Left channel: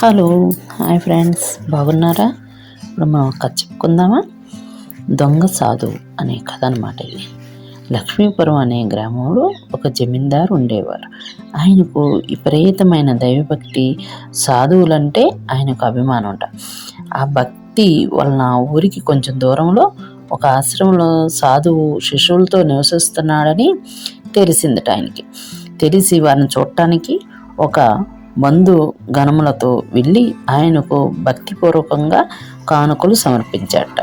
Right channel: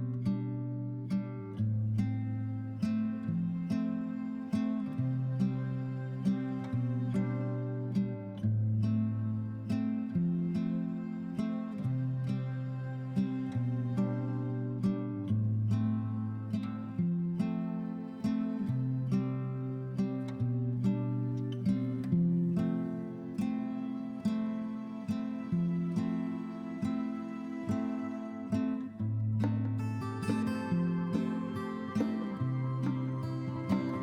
Hello, hi friends, బాగున్నారా? ఇప్పుడు మనం కథ చెప్పుకుందామా? దొంగ సాధువు అనే కథ అనమాట ఇది. లక్ష్మీపురం అనే గ్రామంలో ఒక జమీందారు ఉండేవారు. ఆయనకు విపరీతమైన దైవభక్తి, సాధువులంటే ఆయనకు అభిమానం అంట. ఆ భక్తి వలన ఊరికి కొంచెం దూరంలో ఒక ఆశ్రమంలో సాధువు శిష్యులతో నివసిస్తున్నాడని తెలిసిందట ఆయనకి. తెలిసి వారిని చూడటానికి ఒక బంధు గణములతో వెళ్ళి ఆయనకు భక్తిపూర్వకంగా కానుకలు సమర్పించాట.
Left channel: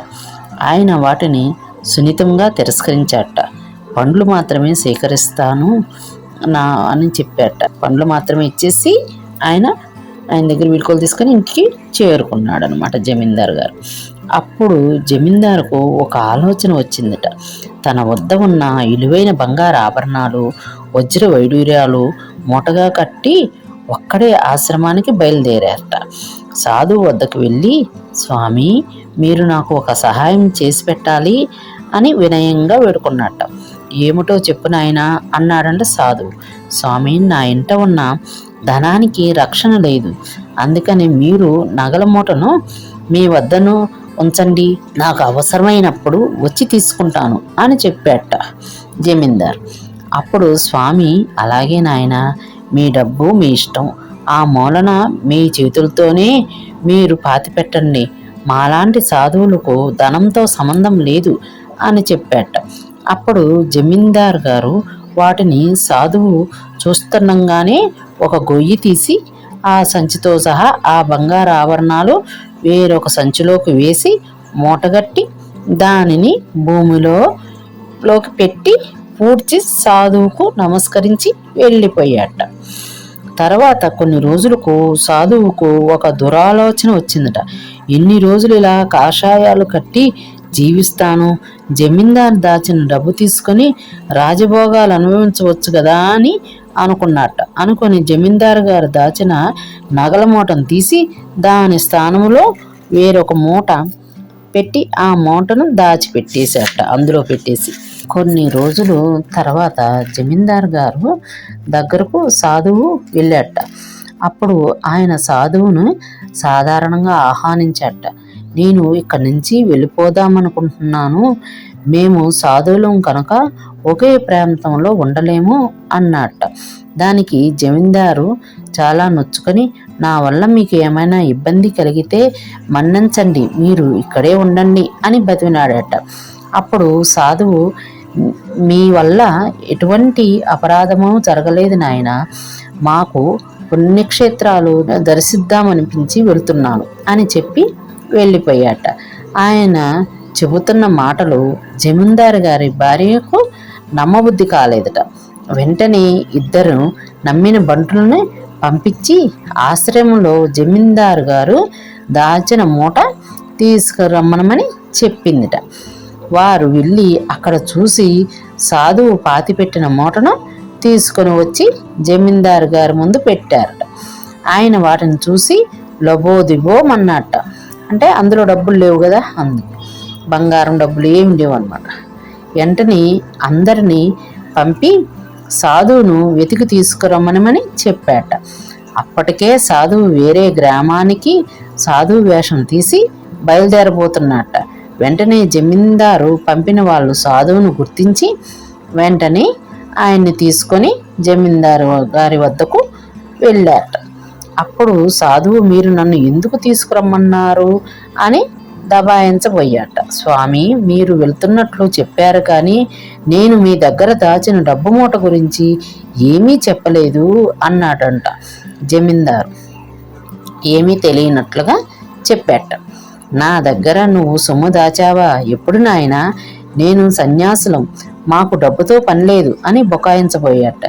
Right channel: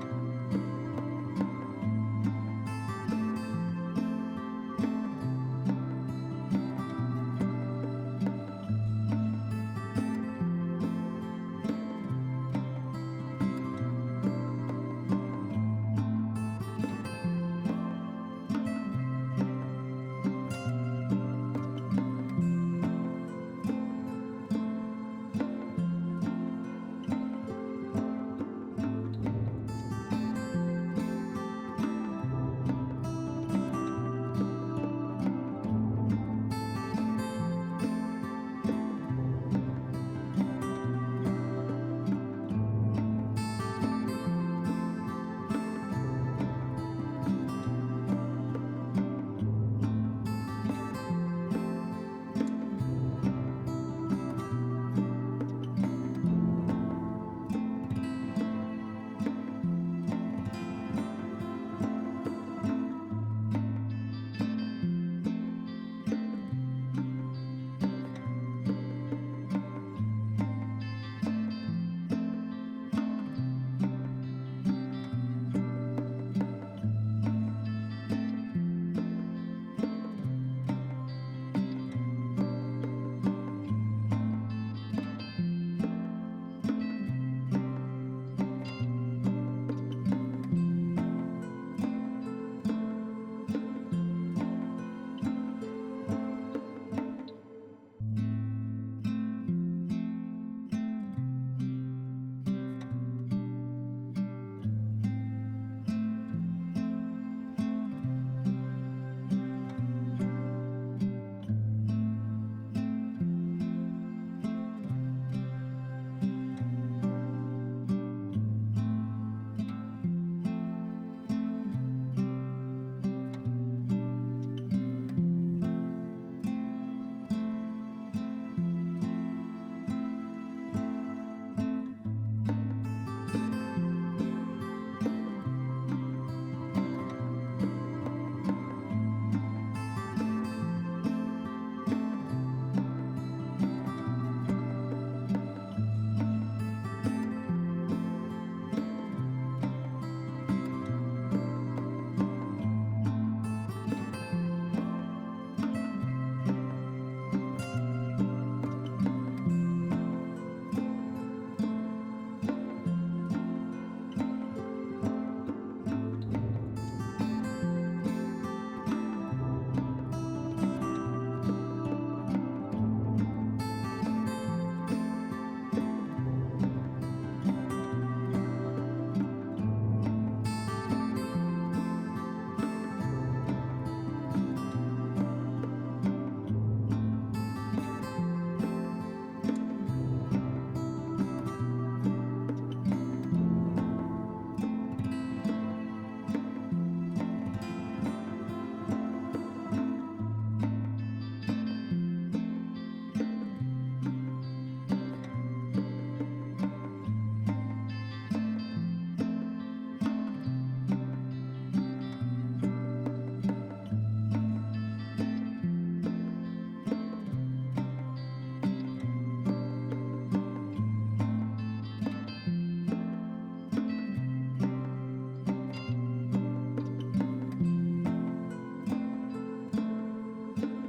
ఆయన వాటిని సున్నితంగా తిరస్కరించాట. పండ్లు మాత్రమే స్వీకరిస్తాను అని చెప్పాట. పండ్లు మాత్రమే ఇచ్చేసి ఆయన దగ్గర వీడుకోలు తీసుకొని ఇంటికి చేరుకున్నాడు అనమాట జమీందారు గారు. అప్పుడు జమీందారుకు ఒక ఆలోచన వచ్చిందట. తన వద్ద ఉన్న విలువైన బంగారు ఆభరణాలు, వజ్ర వైడూర్యాలు మూటగా కట్టి ఒక్కడే ఆశ్రమానికి బయలుదేరారట. సాధువు వద్దకు వెళ్ళి, స్వామి, మీరు నాకు ఒక సహాయం చేసి పెట్టాలి అని వినయంగా వేడుకున్నట్ట. ఏమిటో చెప్పు నాయనా అన్నాడంట సాధువు. స్వామి, నా ఇంట ఉన్న ధనానికి రక్షణ లేదు, అందుకని మీరు నగల మూటను మీ వద్దను ఉంచండి, నాకు అవసరమైనప్పుడు వచ్చి తీసుకుంటాను అని చెప్పాట జమీందార్. అప్పుడు స్వామి, అలాగే నాయనా, మీ డబ్బు మీ ఇష్టం, ఆ మూలన మీ చేతులతోనే మీరు పాతిపెట్టండి, మాలాంటి సాధువులకు ధనంతో సంబంధం లేదు అని చెప్పాట. అప్పుడు జమీందార్ గారు వాటిని సాధువు చూస్తుండగానే ఒక గొయ్యి తీసి ఆ సంచితో సహా ఆ బంగారు ఆభరణాలు వేరొక సంచిలోకి వేసి మూటగట్టి దానిని భూమిలోకి పెట్టి పూడ్చి సాధువుకు నమస్కరించి వెళ్ళిపోయాట. తర్వాత కొన్ని రోజులకు సాధువుకు ఒక దురాలోచన వచ్చిందట. ఎన్ని రోజులు ఇలా కాషాయాలు కట్టి జీవిస్తాను, జమీందారు దాచిన డబ్బు తీసుకొని రాజభోగాలు అనుభవించవచ్చు కదా అని అనుకున్నట్ట. అనుకొని జమీందారు గారు దాచిన నగల మూటను తీసి దాని స్థానంలో వేరొక మూట పెట్టి ఆ మూటను దాచిపెట్టేశాట. అందులో పెట్టేసి కొన్ని రోజులు తర్వాత జమీందారు గారు దగ్గరకు సాధువు వెళ్ళాట. అప్పుడు ఆయన సాధువును సాధారణంగా ఆహ్వానించాట. నేను ఇక్కడి నుంచి వెళ్ళిపోదామనుకుంటున్నాను, మేము సాధువులం కనుక ఒకే ప్రాంతంలో ఉండలేము అన్నట్ట. దానికి జమీందారు చాలా నొచ్చుకొని, నా వల్ల మీకు ఏమైనా ఇబ్బంది కలిగితే మన్నించండి, మీరు ఇక్కడే ఉండండి అని బతిమిలాడట. అప్పుడు సాధువు, మీ వల్ల ఎటువంటి అపరాధము జరగలేదు నాయన, మాకు పుణ్యక్షేత్రాలు దర్శిద్దామనిపించి వెళ్తున్నాను అని చెప్పి వెళ్ళిపోయాట. ఆయన చెబుతున్న మాటలు జమీందారు గారి భార్యకు నమ్మబుద్ధి కాలేదట. వెంటనే ఇద్దరు నమ్మిన బంటులను పంపించి ఆశ్రమంలో జమీందారు గారు దాచిన మూట తీసుకురమ్మనమని చెప్పిందిట. వారు వెళ్ళి అక్కడ చూసి సాధువు పాతిపెట్టిన మూటను తీసుకొని వచ్చి జమీందారు గారి ముందు పెట్టారట. ఆయన వాటిని చూసి లబోదిబోమన్నట్ట. అంటే అందులో డబ్బులు లేవు కదా, బంగారం డబ్బులు ఏమి లేవు అన్నమాట. వెంటనే అందరినీ పంపి సాధువును వెతికి తీసుకురమ్మనమని చెప్పాట. అప్పటికే సాధువు వేరే గ్రామానికి సాధువు వేషం తీసి బయలుదేరబోతున్నట్ట. వెంటనే జమీందారు పంపిన వాళ్ళు సాధువును గుర్తించి వెంటనే ఆయన్ని తీసుకొని జమీందారు గారి వద్దకు వెళ్ళారట. అప్పుడు సాధువు, మీరు నన్ను ఎందుకు తీసుకురమ్మన్నారు అని దబాయించబోయాట. స్వామి, మీరు వెళ్తున్నట్లు చెప్పారు, కానీ నేను మీ దగ్గర దాచిన డబ్బు మూట గురించి ఏమీ చెప్పలేదు అన్నాడంట. జమీందారు ఏమీ తెలియనట్లుగా చెప్పాట. నా దగ్గర నువ్వు సొమ్ము దాచావా? ఎప్పుడు నాయనా? నేను సన్యాసులం, మాకు డబ్బుతో పని లేదు అని బొకాయించబోయాట.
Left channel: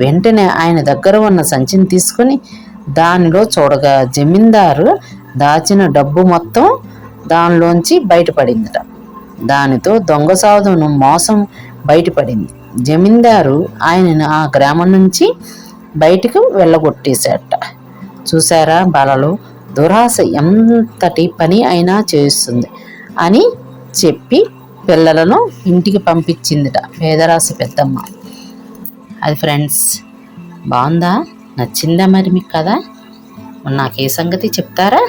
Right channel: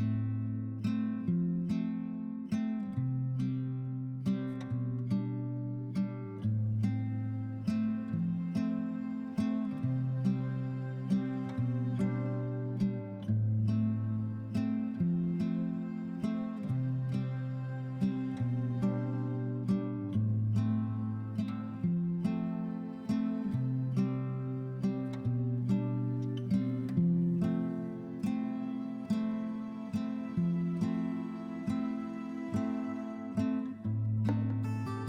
వెంటనే ఆయన దగ్గర ఉన్న సంచిని తీసుకుని దానిలో చూడగా జమీందారు దాచిన డబ్బు మొత్తం దానిలోంచి బయటపడిందట. దానితో దొంగ సాధువును మోసం బయటపడింది. జమీందారు ఆయనను ఆ గ్రామం నుంచి బయటకు వెళ్ళగొట్టేశాట. చూసారా బాలలు, దురాశ ఎంతటి పని అయినా చేస్తుంది అని చెప్పి పిల్లలను ఇంటికి పంపించిందిట పేదరాశి పెద్దమ్మ. అది ఫ్రెండ్స్, బాగుందా? నచ్చిందా మరి మీకు కదా? మరి నాకు ఏ సంగతి చెప్తారా?